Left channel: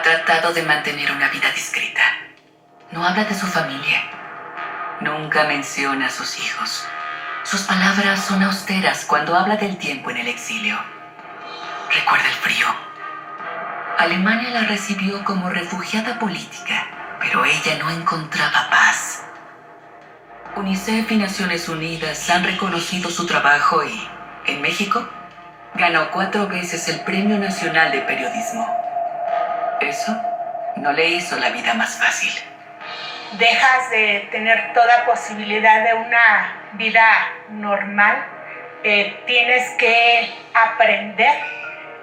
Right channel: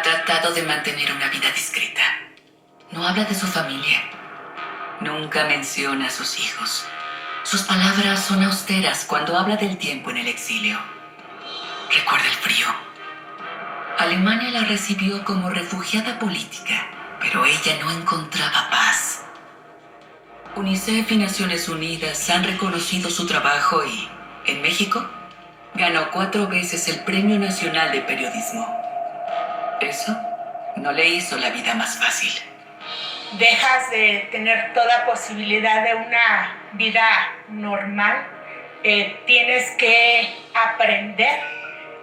Ha tratado de mantener una vida discreta. No habla de su familia. Nunca menciona a sus hijos. Sus palabras son austeras cuando habla del tiempo en el exilio. Recuerda el frío. Alemania la recibió como refugiada política, pero ella no encontraba paz. UNICEF y Naciones Unidas han reconocido su trabajo y, en México, ganó 4 veces el Premio Nacional de Periodismo. Eso no le hizo la vida más fácil. Dejas de tener toda posibilidad de una vida normal. Tienes que aprender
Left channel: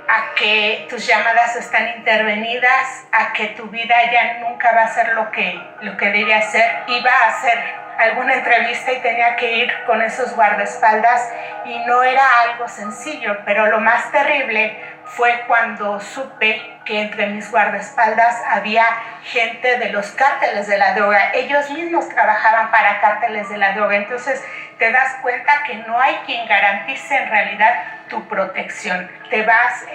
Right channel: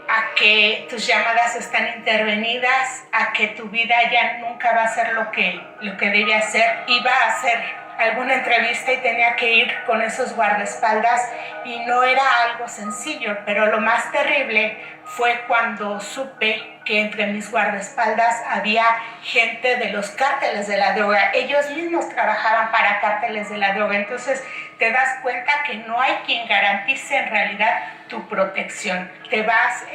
a que tus llamadas están intervenidas, a que tu vida ya nunca va a ser lo que debía ser. Iba a hacer alguna entrevista y tenía que ir con esos guardaespaldas y no era algo sencillo, pero lo más terrible fue cuando supe que entre mis guardaespaldas había gente de los cárteles de la droga. Ellos mismos trabajaban para cárteles de la droga. Entonces te das cuenta que no hay quien garantice en realidad tu protección. Te vas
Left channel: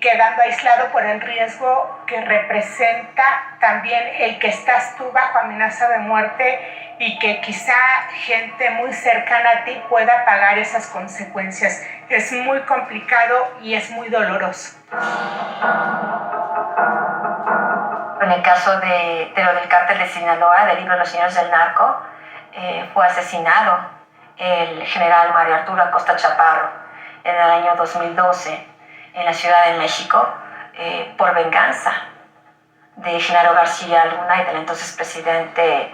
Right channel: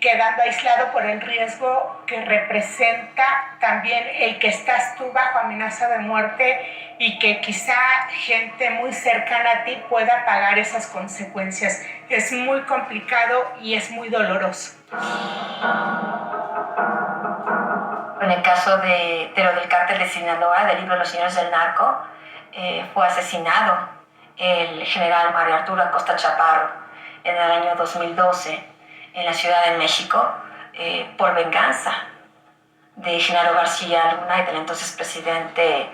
quedando aislado por el riesgo que representa también el que estás tú bajo amenaza de muerte y que quizá gente muy cercana a ti pueda pagar esas consecuencias. Es muy complicado y es muy doloroso. En el caso de lo del cártel de Sinaloa, del libro Los Señores del Narco, fue asesinado el general Mario Arturo Acosta Chaparro en el año 2012 en la Ciudad de México por venganza de Genaro García Luna y del entonces presidente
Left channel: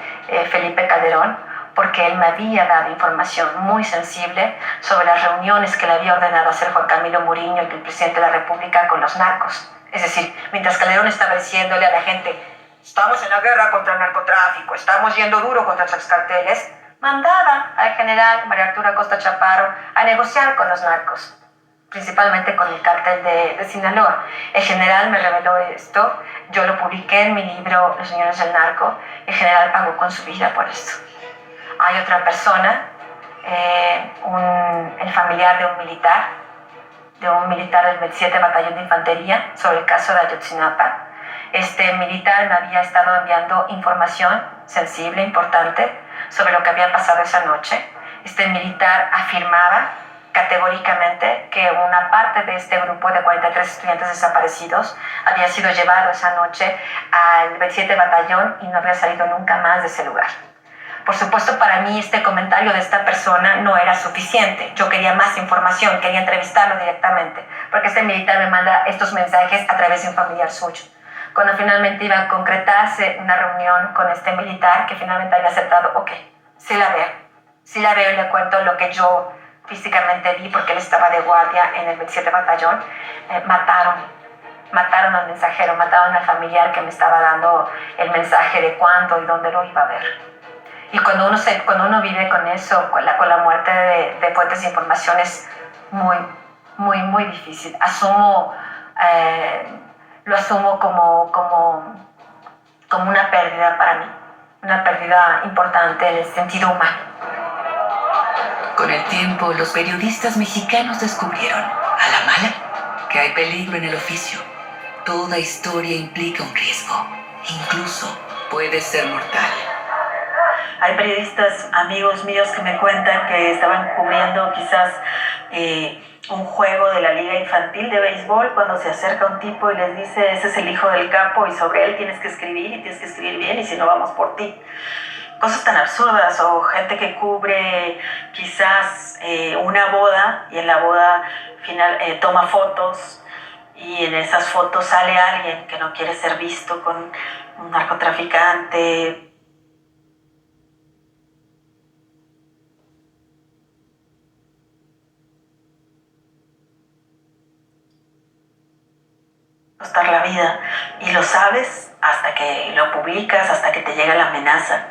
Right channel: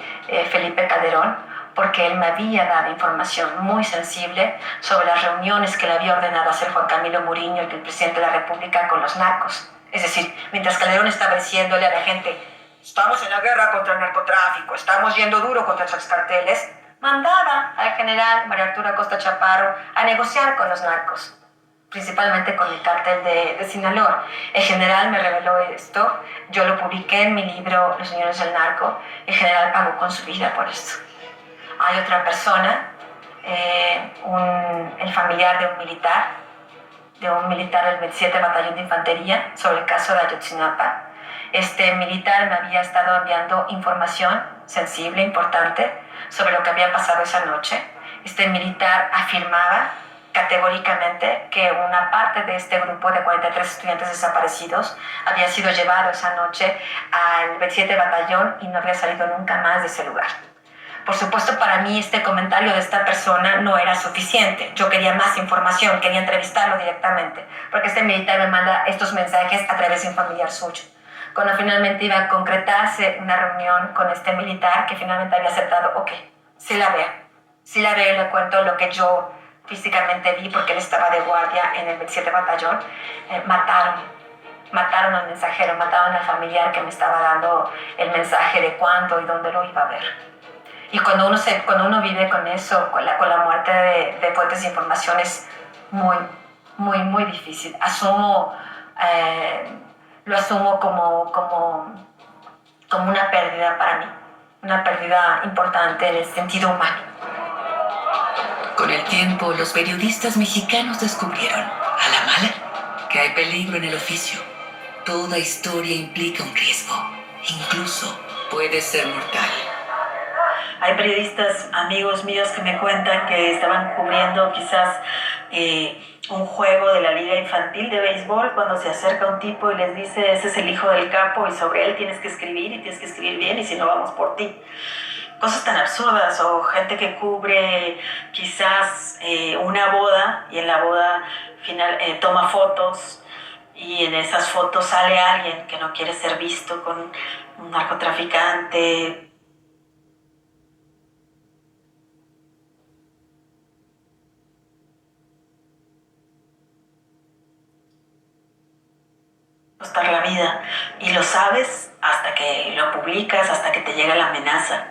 Felipe Calderón, porque él me había dado información muy sensible sobre las reuniones que le había ordenado hacer Juan Camilo Muriño, el presidente de la República, con los narcos. Es decir, mientras Calderón estaba diciéndole a la gente, estamos en la guerra contra el narcotráfico, estamos yendo duro contra los carteles, mandaba al general Mario Arturo Acosta Chaparro a negociar con los narcos, principalmente con el cártel de Sinaloa. El general me reveló esto, yo lo publiqué en mi libro Los Señores del Narco, el general pagó con su vida por esto. Hay otra persona, el familiar de un militar del 27 Batallón de Infantería, sobre el caso de Ayotzinapa. Este militar me había estado enviando información sensible, importante, sobre lo que había pasado esa noche. Este militar afirmaba categóricamente que una parte de este grupo de 43 estudiantes desaparecidos había sido llevado esa noche al 27 Batallón y no había salido nunca más de ese lugar. Por supuesto, para mí este comentario de esta persona no era suficiente. Yo quería más información, quería entrevistarlo directamente, porque este militar me manda estos mensajes a través de un familiar suyo. Cuando finalmente iba a concretarse una reunión con este militar, que finalmente había aceptado, ok, sí la veo y le cuento lo que yo físicamente vi, porque él estaba de guardia en el 27 Batallón, mataron al mensajero, mataron al familiar que me estaba dando el mensaje de cuándo y dónde lo iba a ver. Y cuando uno vive con eso, con la muerte de fuentes de información, es muy, muy, muy difícil. Lo asumo como una pérdida para mí, una pérdida importante en el sentido humano. Con el tiempo, los periodistas mexicanos descubrieron, a la mala, que hay peligro en el oficio. Toda historia implica un riesgo, incluso puede ser mortal. Hay periodistas, amigos míos, que me cuentan que estaban cubriendo quizás un juego de la Liga Infantil de Béisbol cuando se acerca un tipo y les dice, ese es el hijo del capo y sobre él tienes que escribir y tienes que escribir bien y si no vamos por ti. Cosas tan absurdas, o gente que cubre quizás una boda y en la boda final toma fotos y en esas fotos sale alguien que no quiere ser visto con un narcotraficante. Costar la vida y lo sabes hasta que lo publicas, hasta que te llega la amenaza.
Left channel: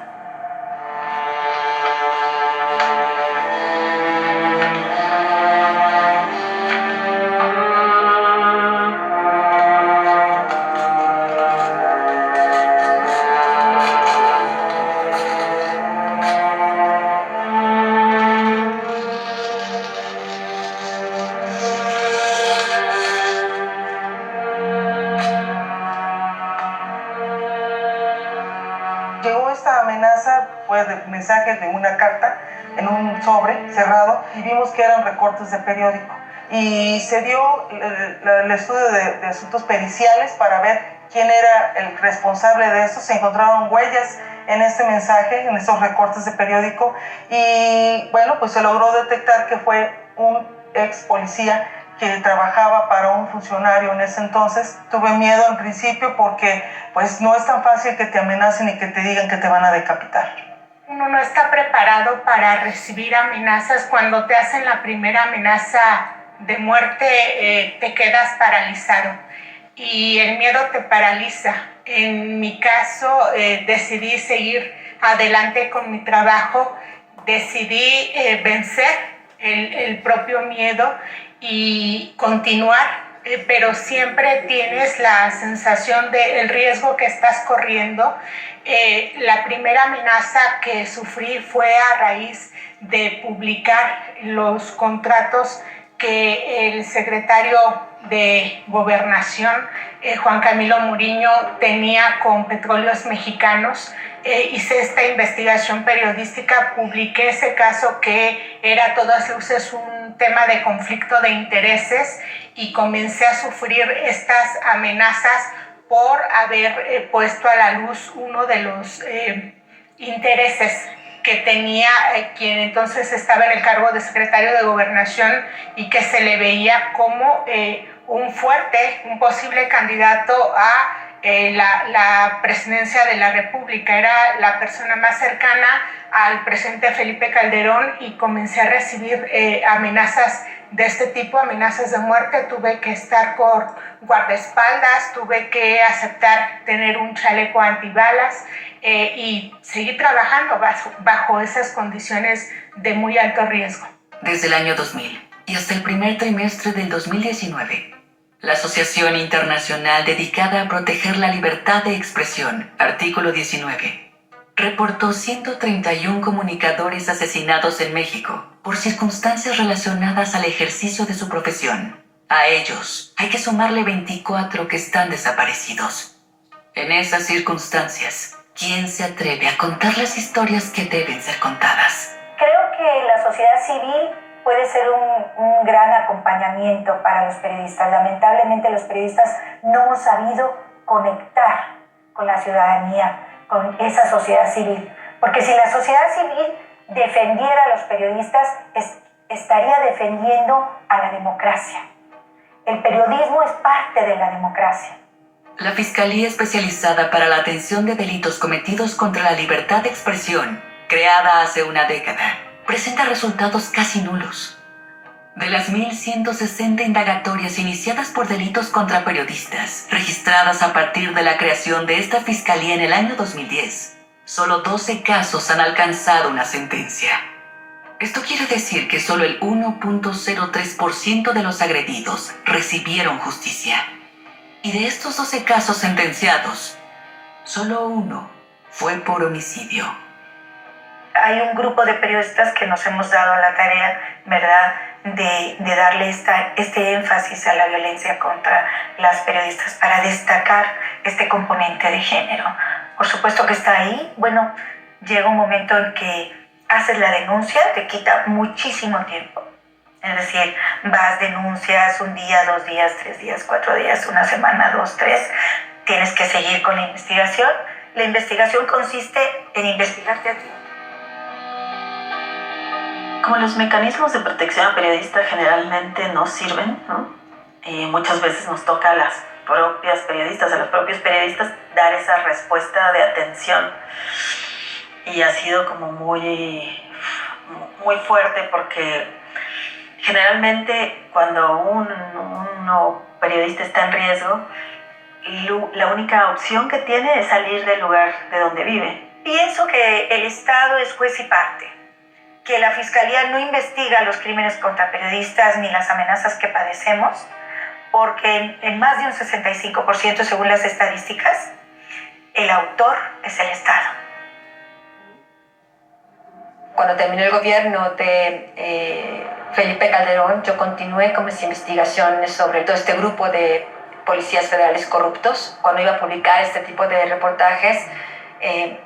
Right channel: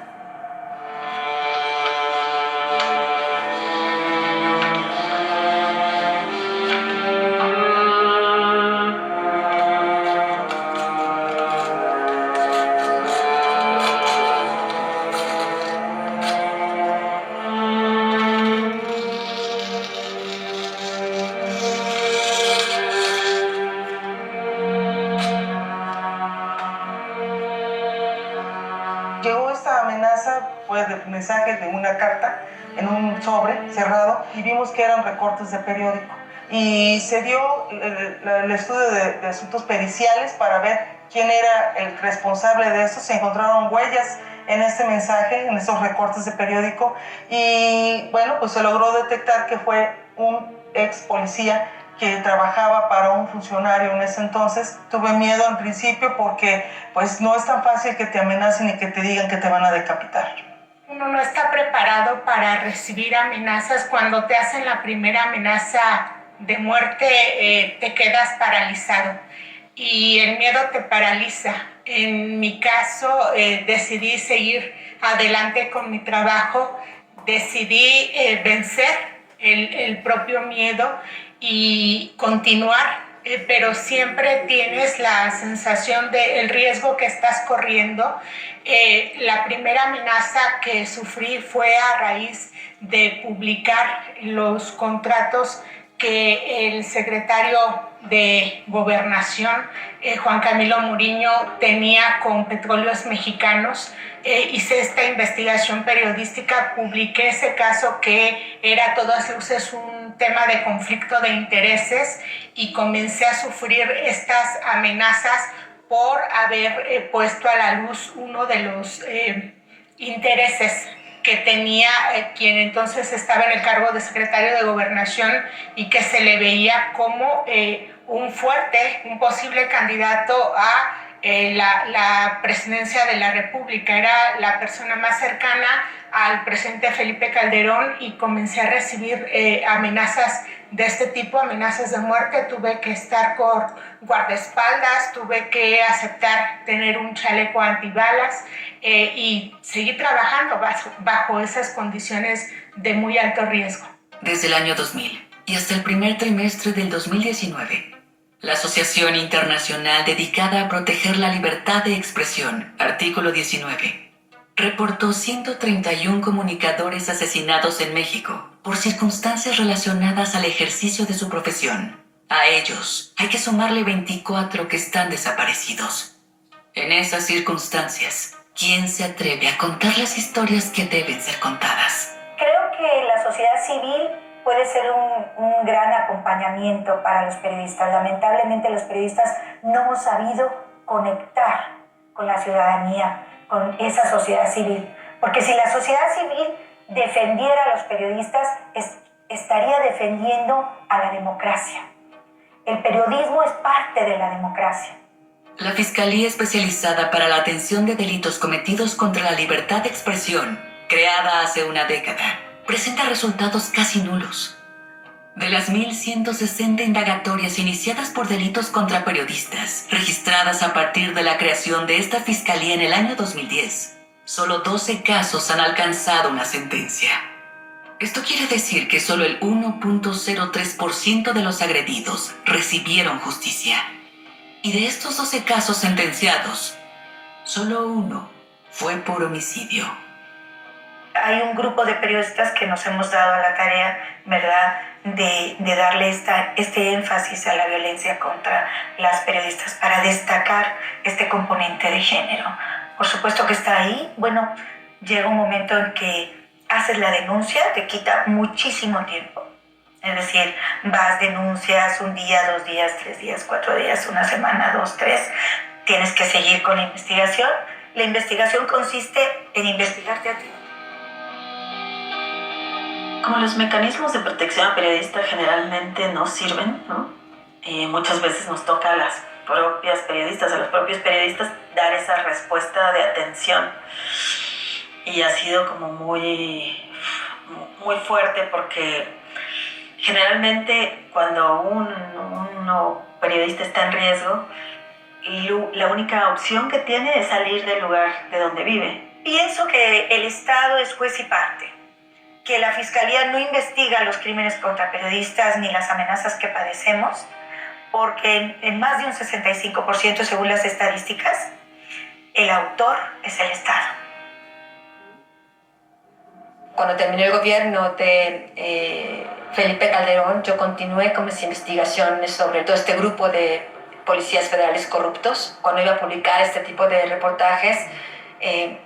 casa fue de mensajes de una carta en un sobre cerrado y vimos que eran recortes de periódico. Y se dio el estudio de asuntos periciales para ver quién era el responsable de eso. Se encontraron huellas en este mensaje, en estos recortes de periódico, y bueno, pues se logró detectar que fue un ex policía que trabajaba para un funcionario en ese entonces. Tuve miedo en principio porque pues no es tan fácil que te amenacen y que te digan que te van a decapitar. Uno no está preparado para recibir amenazas. Cuando te hacen la primera amenaza de muerte, te quedas paralizado y el miedo te paraliza. En mi caso, decidí seguir adelante con mi trabajo, decidí vencer el propio miedo y continuar, pero siempre tienes la sensación del riesgo que estás corriendo. La primera amenaza que sufrí fue a raíz de publicar los contratos que el secretario de Gobernación, Juan Camilo Muriño, tenía con Petróleos Mexicanos. Hice esta investigación periodística, publiqué ese caso que era a todas luces un tema de conflicto de intereses y comencé a sufrir estas amenazas por haber puesto a la luz uno de los intereses que tenía quien entonces estaba en el cargo de secretario de Gobernación y que se le veía como un posible candidato a la presidencia de la República. Era la persona más cercana al presidente Felipe Calderón y comencé a recibir amenazas de este tipo, amenazas de muerte. Tuve que estar con guardaespaldas, tuve que aceptar tener un chaleco antibalas y seguir trabajando bajo esas condiciones de muy alto riesgo. Desde el año 2000 y hasta el primer trimestre del 2019, la Asociación Internacional dedicada a proteger la libertad de expresión, artículo 19, reportó 131 comunicadores asesinados en México por circunstancias relacionadas al ejercicio de su profesión. A ellos hay que sumarle 24 que están desaparecidos. En esas circunstancias, ¿quién se atreve a contar las historias que deben ser contadas? Creo que la sociedad civil puede ser un gran acompañamiento para los periodistas. Lamentablemente los periodistas no hemos sabido conectar con la ciudadanía, con esa sociedad civil. Porque si la sociedad civil defendiera a los periodistas, estaría defendiendo a la democracia. El periodismo es parte de la democracia. La Fiscalía Especializada para la Atención de Delitos Cometidos contra la Libertad de Expresión, creada hace una década, presenta resultados casi nulos. De las 1.160 indagatorias iniciadas por delitos contra periodistas, registradas a partir de la creación de esta fiscalía en el año 2010, solo 12 casos han alcanzado una sentencia. Esto quiere decir que solo el 1.03% de los agredidos recibieron justicia. Y de estos 12 casos sentenciados, solo uno fue por homicidio. Hay un grupo de periodistas que nos hemos dado la tarea, ¿verdad?, de darle este énfasis a la violencia contra las periodistas para destacar este componente de género. Por supuesto que está ahí. Bueno, llega un momento en que haces la denuncia, te quita muchísimo tiempo. Es decir, vas, denuncias un día, 2 días, 3 días, 4 días, una semana, 2, 3. Tienes que seguir con la investigación. La investigación consiste en investigarte a ti. Como los mecanismos de protección a periodistas generalmente no sirven, ¿no? Muchas veces nos toca a las propias periodistas, a los propios periodistas dar esa respuesta de atención. Y ha sido como muy fuerte porque generalmente cuando un periodista está en riesgo, la única opción que tiene es salir del lugar de donde vive. Pienso que el Estado es juez y parte, que la Fiscalía no investiga los crímenes contra periodistas ni las amenazas que padecemos, porque en más de un 65%, según las estadísticas, el autor es el Estado. Cuando terminó el gobierno de Felipe Calderón, yo continué con mis investigaciones sobre todo este grupo de policías federales corruptos. Cuando iba a publicar este tipo de reportajes,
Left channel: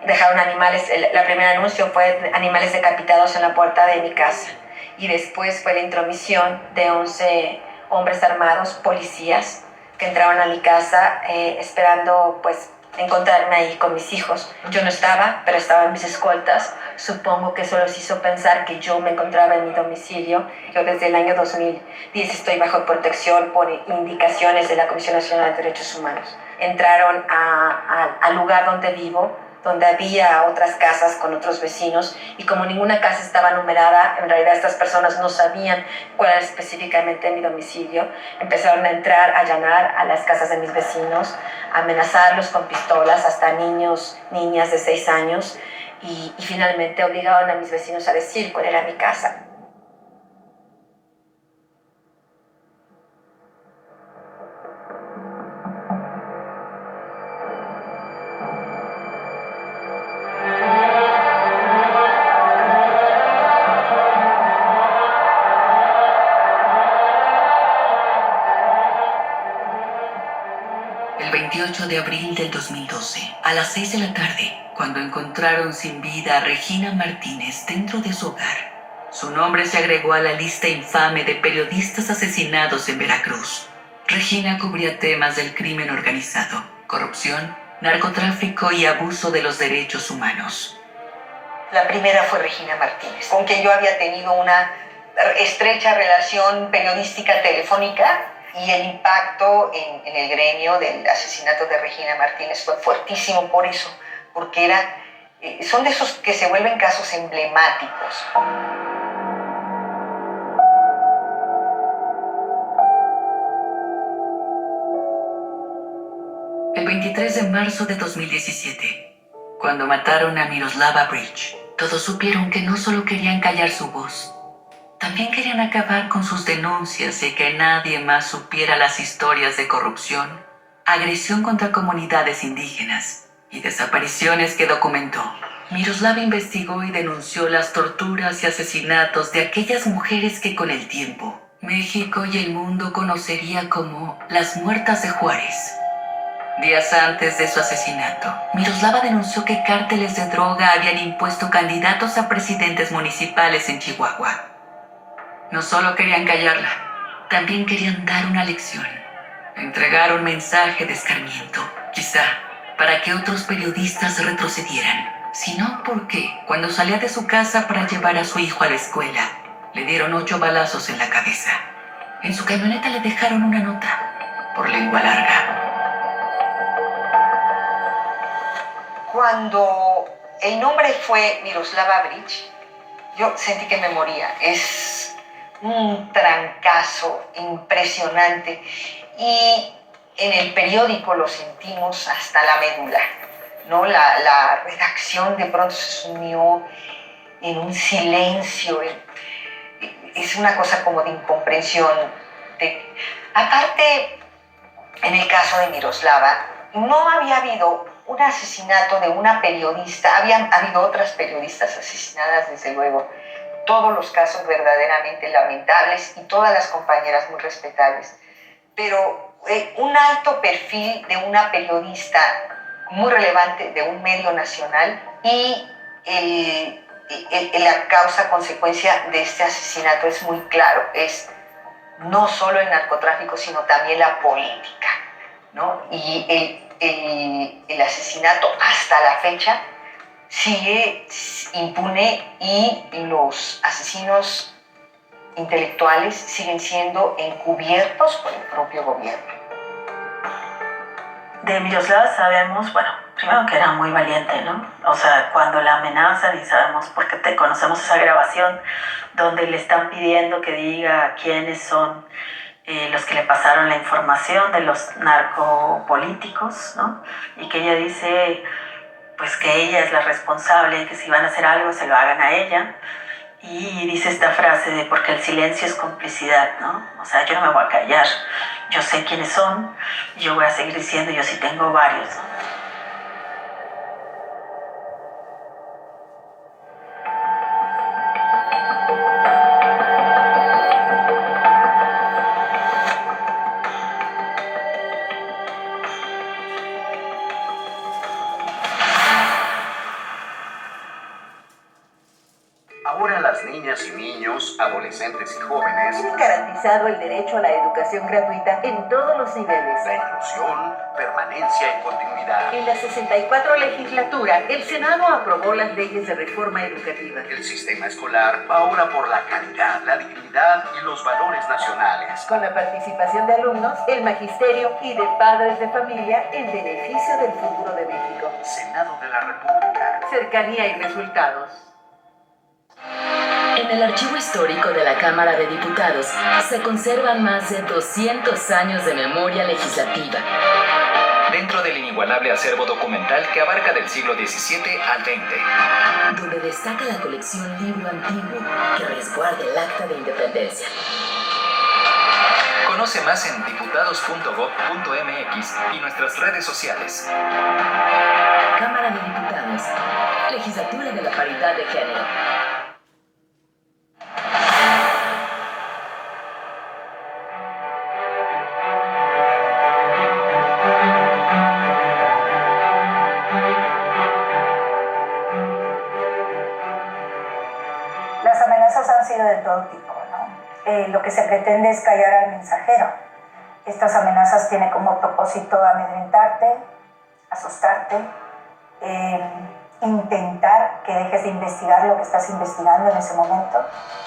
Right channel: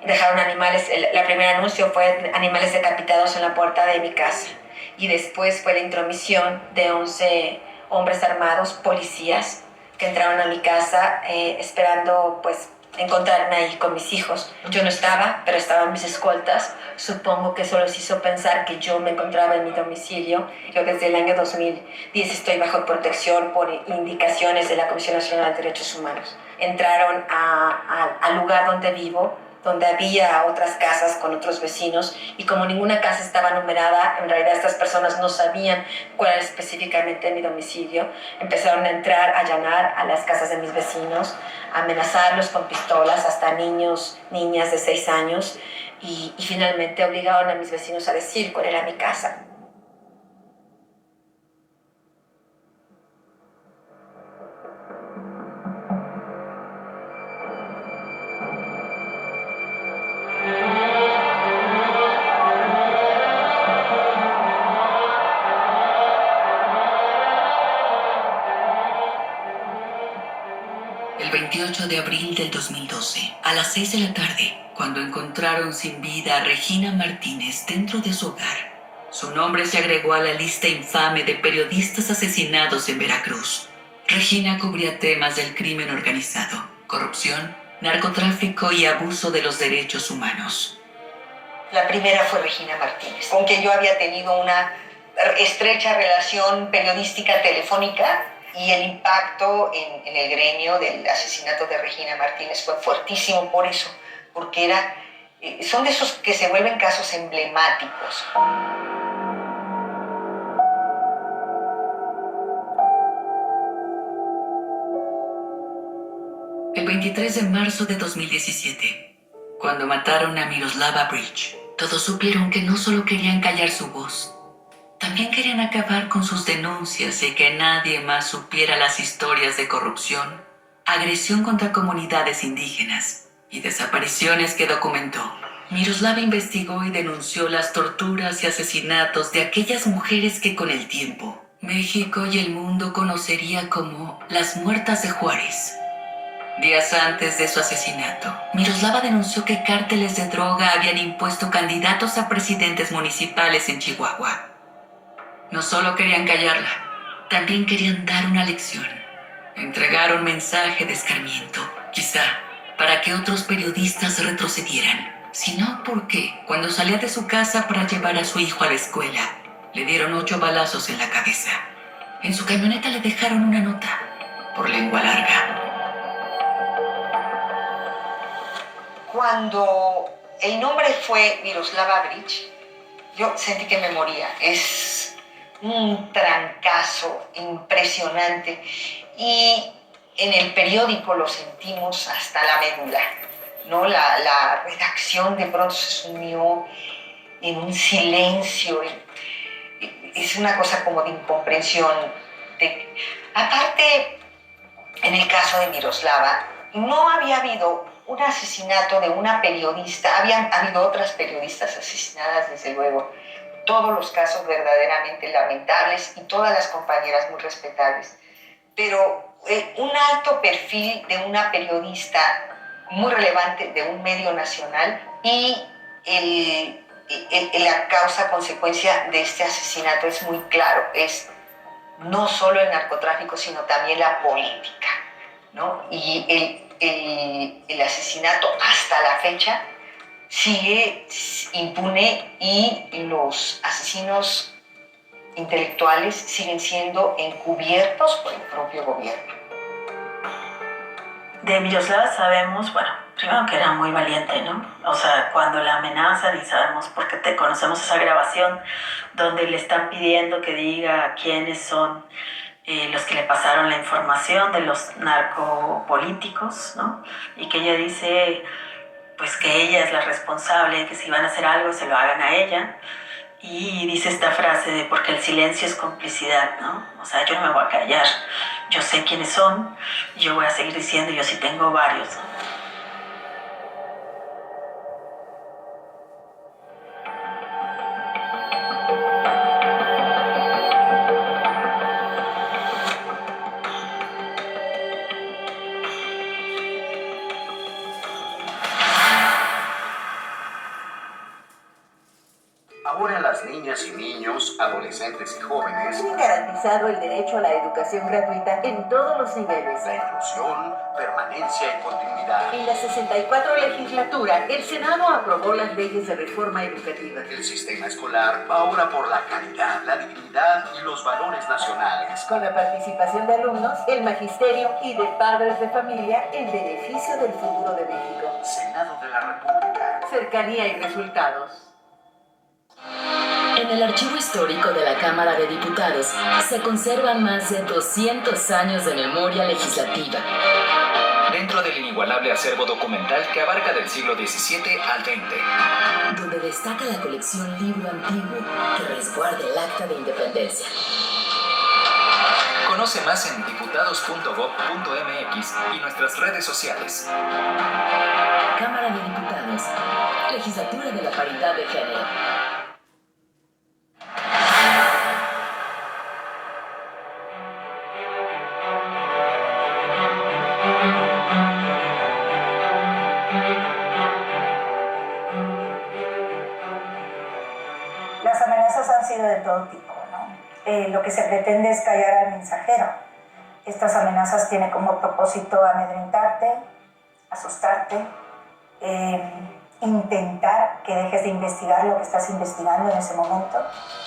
dejaron animales. La primer anuncio fue animales decapitados en la puerta de mi casa. Y después fue la intromisión de 11 hombres armados, policías, que entraron a mi casa esperando pues encontrarme ahí con mis hijos. Yo no estaba, pero estaban mis escoltas. Supongo que eso les hizo pensar que yo me encontraba en mi domicilio. Yo desde el año 2010 estoy bajo protección por indicaciones de la Comisión Nacional de Derechos Humanos. Entraron al lugar donde vivo, donde había otras casas con otros vecinos, y como ninguna casa estaba numerada, en realidad estas personas no sabían cuál era específicamente mi domicilio. Empezaron a entrar, a allanar a las casas de mis vecinos, a amenazarlos con pistolas, hasta niños, niñas de 6 años, y finalmente obligaron a mis vecinos a decir cuál era mi casa. El 28 de abril del 2012, a las 6 de la tarde, cuando encontraron sin vida a Regina Martínez dentro de su hogar, su nombre se agregó a la lista infame de periodistas asesinados en Veracruz. Regina cubría temas del crimen organizado, corrupción, narcotráfico y abuso de los derechos humanos. La primera fue Regina Martínez, con quien yo había tenido una estrecha relación periodística telefónica, y el impacto en el gremio del asesinato de Regina Martínez fue fuertísimo por eso, porque son de esos que se vuelven casos emblemáticos. El 23 de marzo de 2017, cuando mataron a Miroslava Bridge, todos supieron que no solo querían callar su voz, también querían acabar con sus denuncias y que nadie más supiera las historias de corrupción, agresión contra comunidades indígenas y desapariciones que documentó. Miroslava investigó y denunció las torturas y asesinatos de aquellas mujeres que con el tiempo México y el mundo conocería como las muertas de Juárez. Días antes de su asesinato, Miroslava denunció que cárteles de droga habían impuesto candidatos a presidentes municipales en Chihuahua. No solo querían callarla, también querían dar una lección. Entregar un mensaje de escarmiento, quizá para que otros periodistas retrocedieran, sino porque cuando salía de su casa para llevar a su hijo a la escuela, le dieron 8 balazos en la cabeza. En su camioneta le dejaron una nota, por lengua larga. Cuando el nombre fue Miroslava Bridge, yo sentí que me moría. Es un trancazo impresionante, y en el periódico lo sentimos hasta la médula, ¿no? La redacción de pronto se sumió en un silencio, es una cosa como de incomprensión. Aparte, en el caso de Miroslava, no había habido un asesinato de una periodista, habían habido otras periodistas asesinadas, desde luego, todos los casos verdaderamente lamentables y todas las compañeras muy respetables, pero un alto perfil de una periodista muy relevante de un medio nacional, y la causa-consecuencia de este asesinato es muy claro, es no solo el narcotráfico, sino también la política, ¿no? Y el asesinato hasta la fecha sigue impune, y los asesinos intelectuales siguen siendo encubiertos por el propio gobierno. De Miroslava sabemos, bueno, primero que era muy valiente, ¿no? O sea, cuando la amenazan, y sabemos porque conocemos esa grabación donde le están pidiendo que diga quiénes son los que le pasaron la información de los narcopolíticos, ¿no? Y que ella dice pues que ella es la responsable, que si van a hacer algo se lo hagan a ella, y dice esta frase de porque el silencio es complicidad, ¿no? O sea, yo no me voy a callar, yo sé quiénes son, yo voy a seguir diciendo, yo sí tengo varios, ¿no? niñas y niños, adolescentes y jóvenes, Tienen garantizado el derecho a la educación gratuita en todos los niveles. la inclusión, permanencia y continuidad. En la 64 legislatura, el Senado aprobó las leyes de reforma educativa. El sistema escolar va ahora por la calidad, la dignidad y los valores nacionales. Con la participación de alumnos, el magisterio y de padres de familia en beneficio del futuro de México. Senado de la República. Cercanía y resultados. En el archivo histórico de la Cámara de Diputados se conservan más de 200 años de memoria legislativa. Dentro del inigualable acervo documental que abarca del siglo XVII al XX, donde destaca la colección Libro Antiguo que resguarda el Acta de Independencia. Conoce más en diputados.gov.mx y nuestras redes sociales. Cámara de Diputados, Legislatura de la Paridad de Género. Las amenazas han sido de todo tipo, ¿no? Lo que se pretende es callar al mensajero. Estas amenazas tienen como propósito amedrentarte, asustarte, intentar que dejes de investigar lo que estás investigando en ese momento.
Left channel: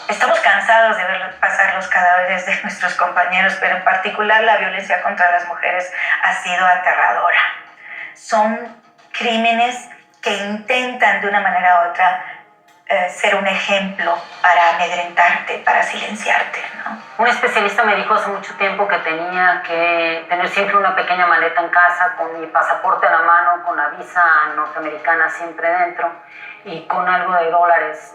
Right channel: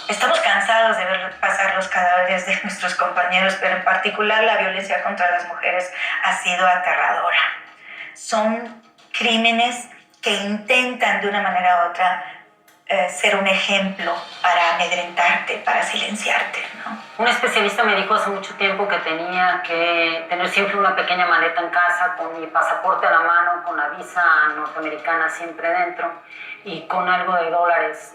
Estamos cansados de ver pasar los cadáveres de nuestros compañeros, pero en particular la violencia contra las mujeres ha sido aterradora. Son crímenes que intentan de una manera u otra ser un ejemplo para amedrentarte, para silenciarte, ¿no? Un especialista me dijo hace mucho tiempo que tenía que tener siempre una pequeña maleta en casa con mi pasaporte a la mano, con la visa norteamericana siempre dentro y con algo de dólares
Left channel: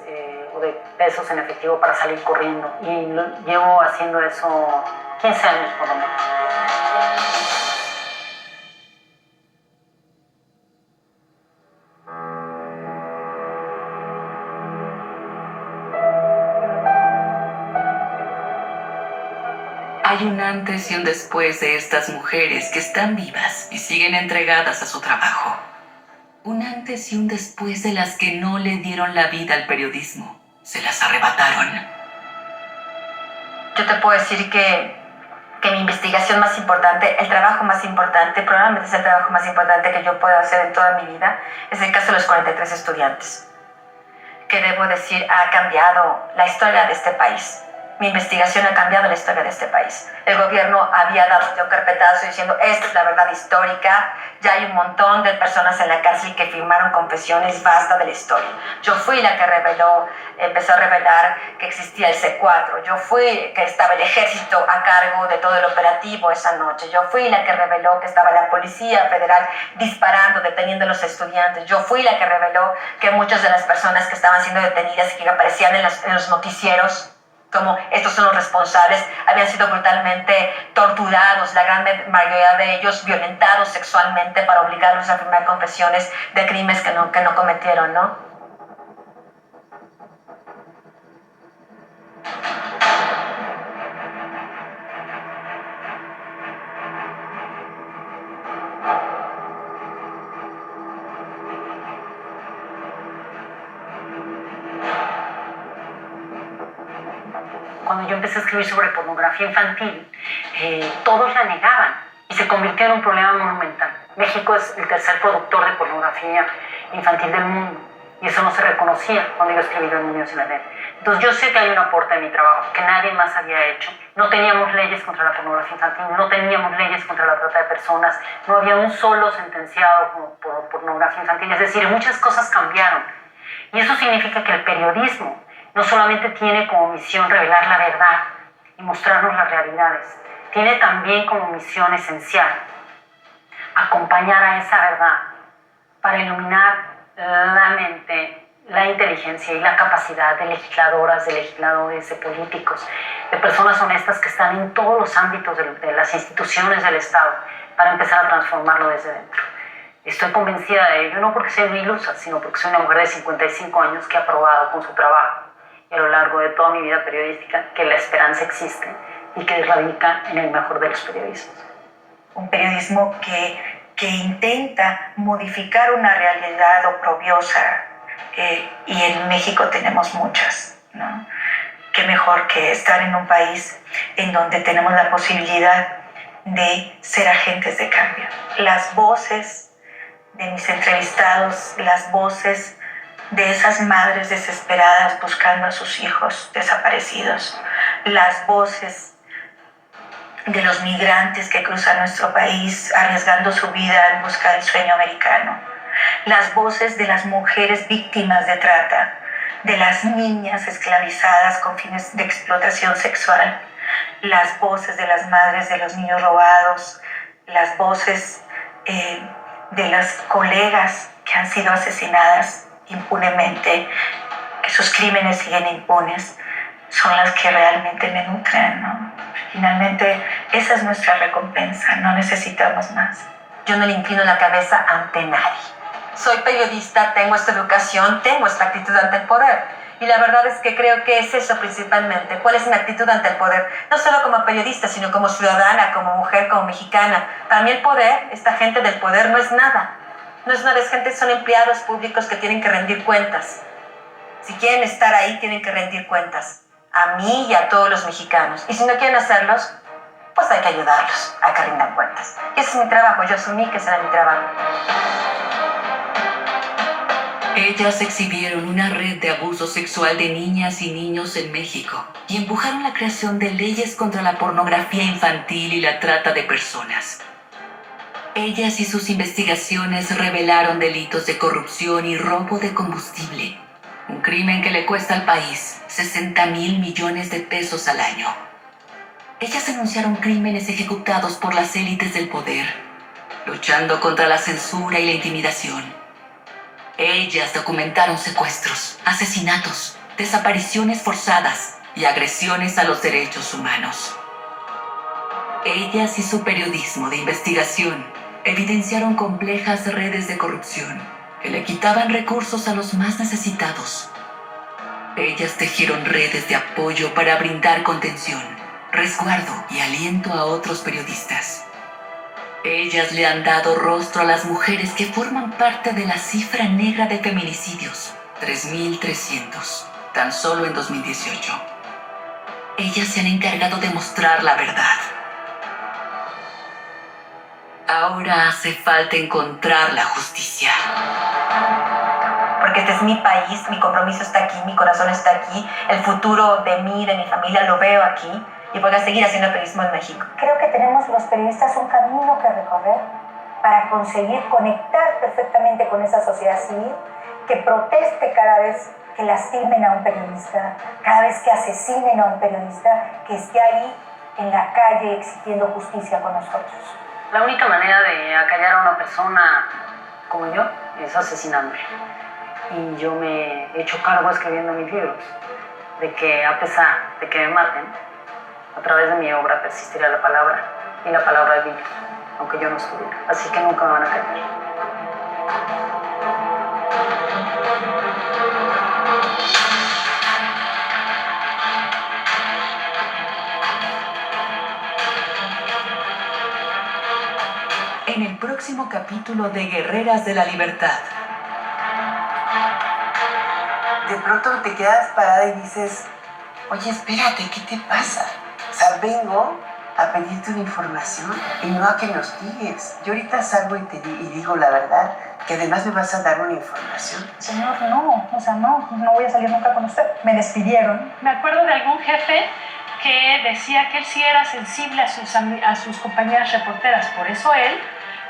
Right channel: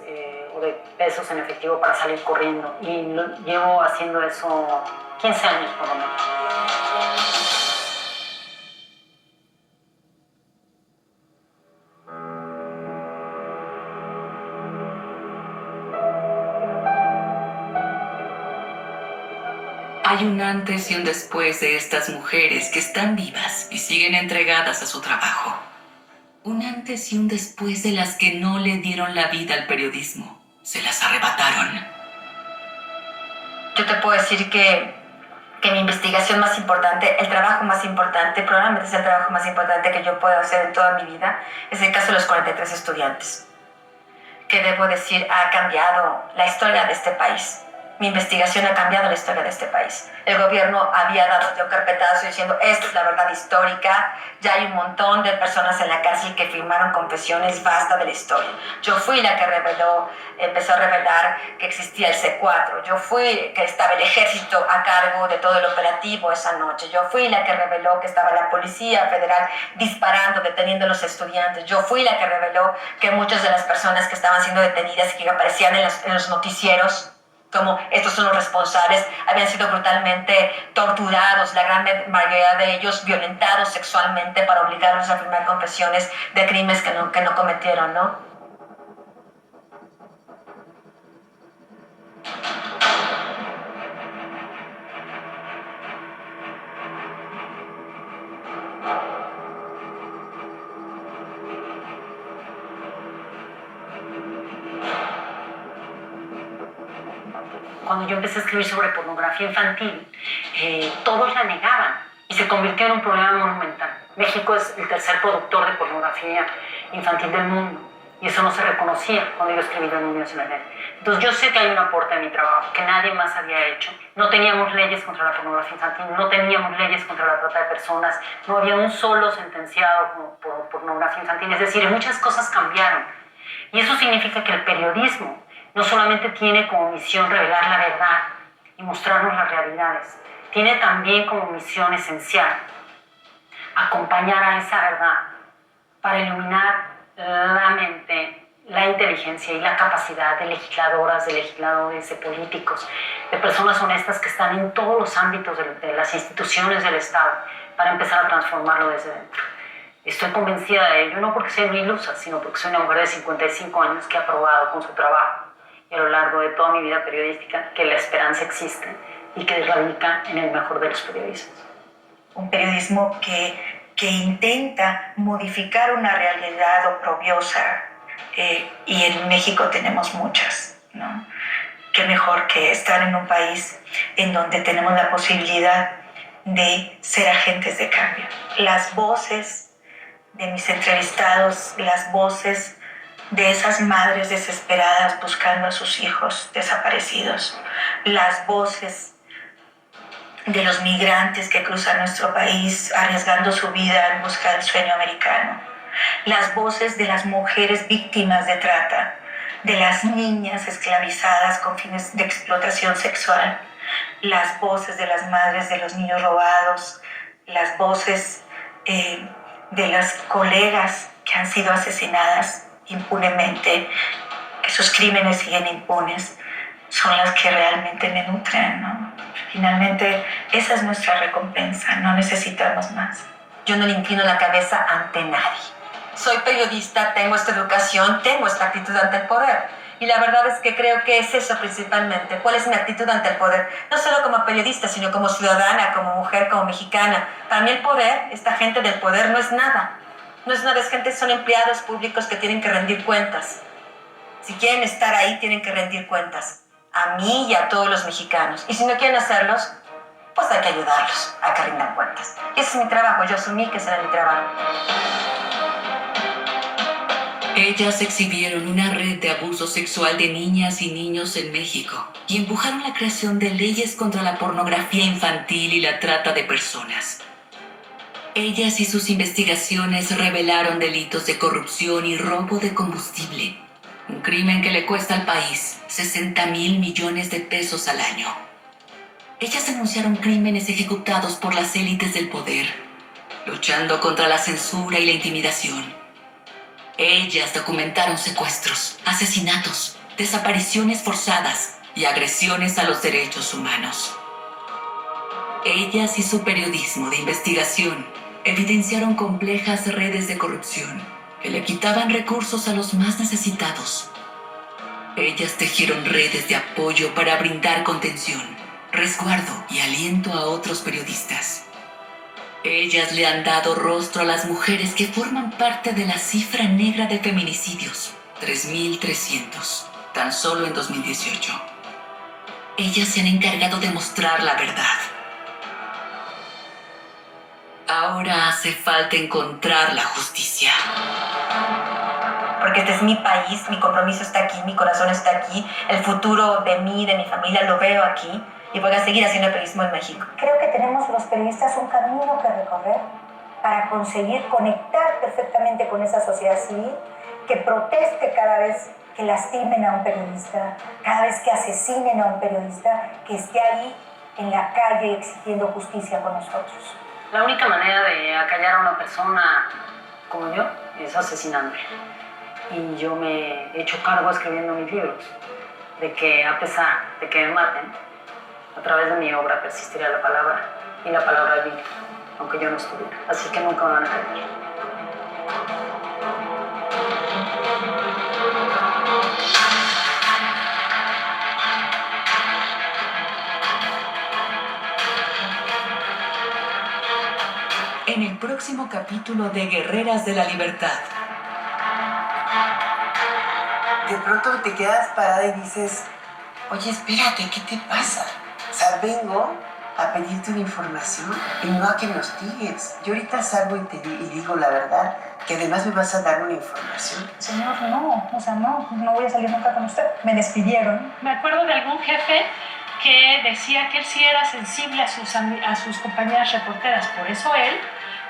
o de pesos en efectivo para salir corriendo. Y llevo haciendo eso 15 años por lo menos. Hay un antes y un después de estas mujeres que están vivas y siguen entregadas a su trabajo. Un antes y un después de las que no le dieron la vida al periodismo. Se las arrebataron. Yo te puedo decir que mi investigación más importante, el trabajo más importante, probablemente es el trabajo más importante que yo puedo hacer en toda mi vida, es el caso de los 43 estudiantes. Que debo decir, ha cambiado la historia de este país. Mi investigación ha cambiado la historia de este país. El gobierno había dado un carpetazo diciendo, esta es la verdad histórica, ya hay un montón de personas en la cárcel que firmaron confesiones, basta de la historia. Yo fui la que empezó a revelar que existía el C4. Yo fui que estaba el ejército a cargo de todo el operativo esa noche. Yo fui la que reveló que estaba la Policía Federal disparando, deteniendo a los estudiantes. Yo fui la que reveló que muchas de las personas que estaban siendo detenidas y que aparecían en los noticieros como estos son los responsables, habían sido brutalmente torturados, la gran mayoría de ellos violentados sexualmente para obligarlos a firmar confesiones de crímenes que no cometieron, ¿no? Cuando yo empecé a escribir sobre pornografía infantil, todos la negaban y se convirtió en un problema monumental. México es el tercer productor de pornografía infantil del mundo y eso no se reconocía cuando yo escribí Los niños en la red. Entonces yo sé que hay un aporte en mi trabajo que nadie más había hecho. No teníamos leyes contra la pornografía infantil, no teníamos leyes contra la trata de personas, no había un solo sentenciado por pornografía infantil. Es decir, muchas cosas cambiaron y eso significa que el periodismo no solamente tiene como misión revelar la verdad y mostrarnos las realidades, tiene también como misión esencial acompañar a esa verdad para iluminar la mente, la inteligencia y la capacidad de legisladoras, de legisladores, de políticos, de personas honestas que están en todos los ámbitos de las instituciones del Estado para empezar a transformarlo desde dentro. Estoy convencida de ello, no porque soy muy ilusa, sino porque soy una mujer de 55 años que ha probado con su trabajo y a lo largo de toda mi vida periodística que la esperanza existe y que radica en el mejor de los periodismos. Un periodismo que intenta modificar una realidad oprobiosa y en México tenemos muchas, ¿no? qué mejor que estar en un país en donde tenemos la posibilidad de ser agentes de cambio. Las voces de mis entrevistados, las voces de esas madres desesperadas buscando a sus hijos desaparecidos, las voces de los migrantes que cruzan nuestro país arriesgando su vida en busca del sueño americano, las voces de las mujeres víctimas de trata, de las niñas esclavizadas con fines de explotación sexual, las voces de las madres de los niños robados, las voces de las colegas que han sido asesinadas impunemente, que sus crímenes siguen impunes, son las que realmente me nutren, ¿no? Finalmente, esa es nuestra recompensa, no necesitamos más. Yo no le inclino la cabeza ante nadie. Soy periodista, tengo esta educación, tengo esta actitud ante el poder. Y la verdad es que creo que es eso principalmente. ¿Cuál es mi actitud ante el poder? No solo como periodista, sino como ciudadana, como mujer, como mexicana. Para mí el poder, esta gente del poder, no es nada. No es nada, es gente, son empleados públicos que tienen que rendir cuentas. Si quieren estar ahí, tienen que rendir cuentas. A mí y a todos los mexicanos. Y si no quieren hacerlos, pues hay que ayudarlos a que rindan cuentas. Y ese es mi trabajo, yo asumí que ese era mi trabajo. Ellas exhibieron una red de abuso sexual de niñas y niños en México y empujaron la creación de leyes contra la pornografía infantil y la trata de personas. Ellas y sus investigaciones revelaron delitos de corrupción y robo de combustible, un crimen que le cuesta al país 60,000 millones de pesos al año. Ellas denunciaron crímenes ejecutados por las élites del poder, luchando contra la censura y la intimidación. Ellas documentaron secuestros, asesinatos, desapariciones forzadas y agresiones a los derechos humanos. Ellas y su periodismo de investigación evidenciaron complejas redes de corrupción que le quitaban recursos a los más necesitados. Ellas tejieron redes de apoyo para brindar contención, resguardo y aliento a otros periodistas. Ellas le han dado rostro a las mujeres que forman parte de la cifra negra de feminicidios, 3,300, tan solo en 2018. Ellas se han encargado de mostrar la verdad. Ahora hace falta encontrar la justicia. Porque este es mi país, mi compromiso está aquí, mi corazón está aquí, el futuro de mí, de mi familia lo veo aquí. Y voy a seguir haciendo periodismo en México. Creo que tenemos los periodistas un camino que recorrer para conseguir conectar perfectamente con esa sociedad civil que proteste cada vez que lastimen a un periodista, cada vez que asesinen a un periodista, que esté ahí en la calle exigiendo justicia con nosotros. La única manera de acallar a una persona como yo es asesinándola. Y yo me he hecho cargo escribiendo mis libros de que a pesar de que me maten, a través de mi obra persistirá la palabra, y la palabra es vida, aunque yo no estuviera. Así que nunca me van a callar. En el próximo capítulo de Guerreras de la Libertad. De pronto te quedas parada y dices, oye, espérate, ¿qué te pasa? O sea, vengo a pedirte una información y no a que me hostigues. Yo ahorita salgo y digo la verdad, que además me vas a dar una información. Señor, no, o sea, no voy a salir nunca con usted. Me despidieron. Me acuerdo de algún jefe que decía que él sí era sensible a sus compañeras reporteras, por eso él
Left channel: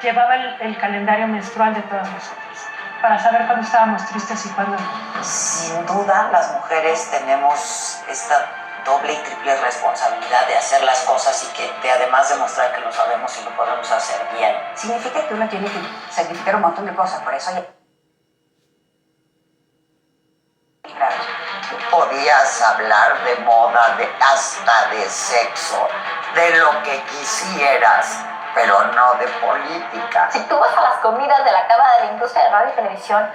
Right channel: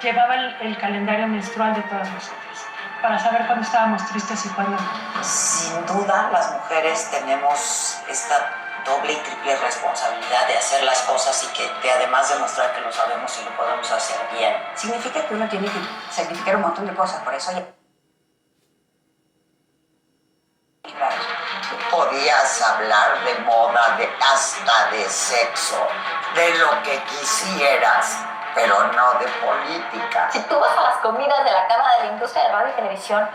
llevaba el calendario menstrual de todas nosotros, para saber cuándo estábamos tristes y cuándo no. Sin duda, las mujeres tenemos esta doble y triple responsabilidad de hacer las cosas y que además demostrar que lo sabemos y lo podemos hacer bien. Significa que uno tiene que sacrificar un montón de cosas, por eso Podías hablar de moda, hasta de sexo, de lo que quisieras, pero no de política. Si tú vas a las comidas de la Cámara de la Industria de Radio y Televisión,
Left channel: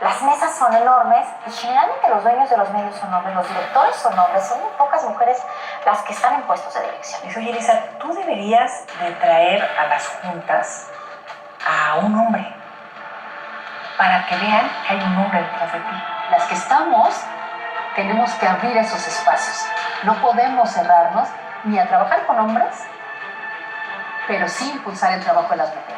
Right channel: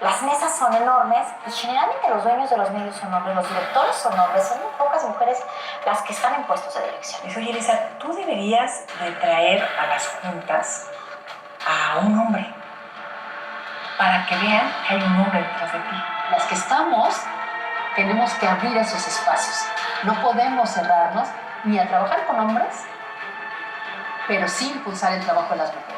las mesas son enormes y generalmente los dueños de los medios son hombres, los directores son hombres, son muy pocas mujeres las que están en puestos de dirección. Y oye, Elisa, tú deberías de traer a las juntas a un hombre para que vean que hay un hombre detrás de ti. Las que estamos tenemos que abrir esos espacios. No podemos cerrarnos ni a trabajar con hombres, pero sí impulsar el trabajo de las mujeres.